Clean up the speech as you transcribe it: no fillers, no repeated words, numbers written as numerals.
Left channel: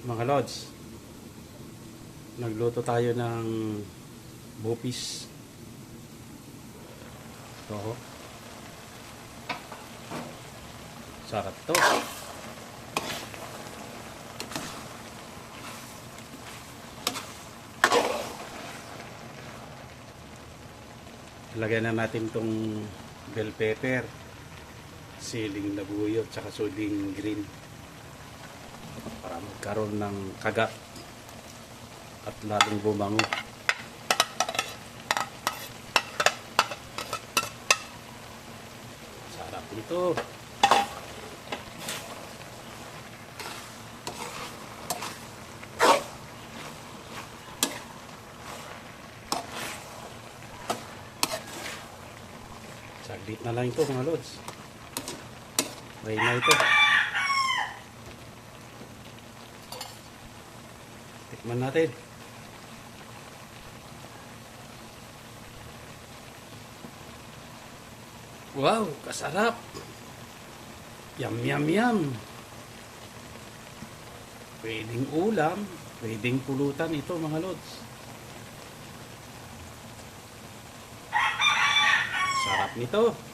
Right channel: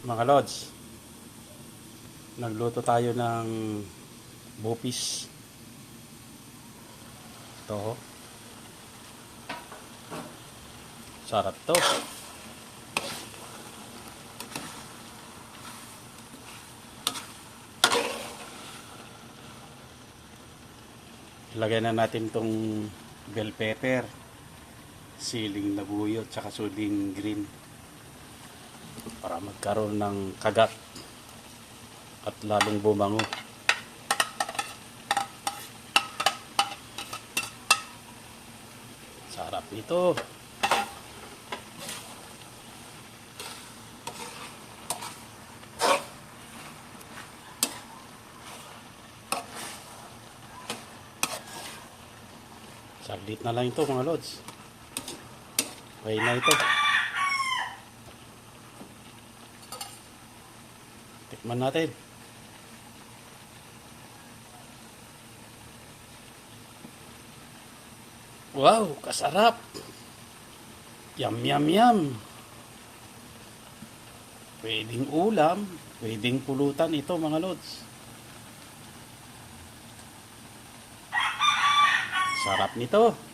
Mga lods, nagluto tayo ng bupis. Ito, sarap to. Lagyan na natin tong bell pepper, siling na buyo, tsaka suding green para magkaroon ng kagat at lalong bumango. Sarap nito. Saglit na lang ito mga lods. Okay na ito. Tikman natin. Wow, kasarap. Yum, yum, yum. Pwedeng ulam, pwedeng pulutan ito mga lods. Sarap nito.